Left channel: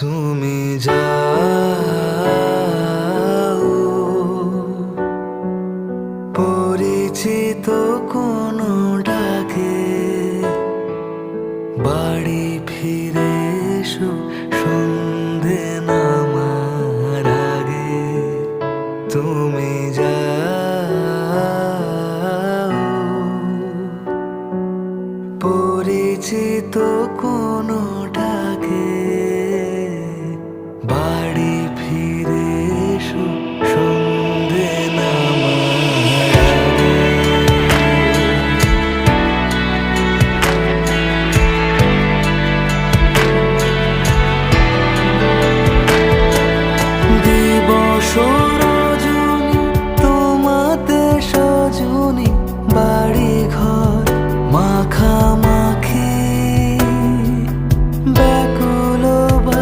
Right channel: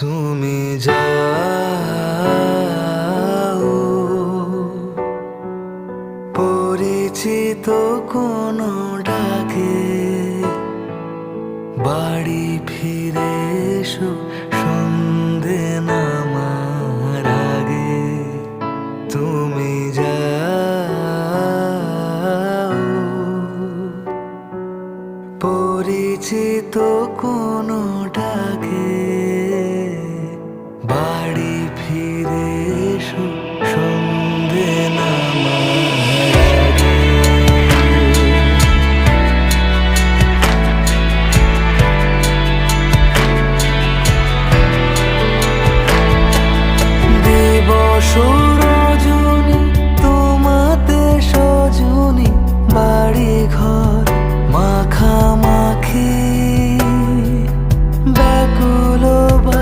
তুমি যাও পরিচিত কোনো ডাকে, বাড়ি ফিরে এসো সন্ধে নামার আগে। তুমি যাও পরিচিত কোনো ডাকে, বাড়ি ফিরে এসো সন্ধে নামার আগে। দিবস রজনী তোমাতে সজনী, বাড়ি ঘর মাখামাখি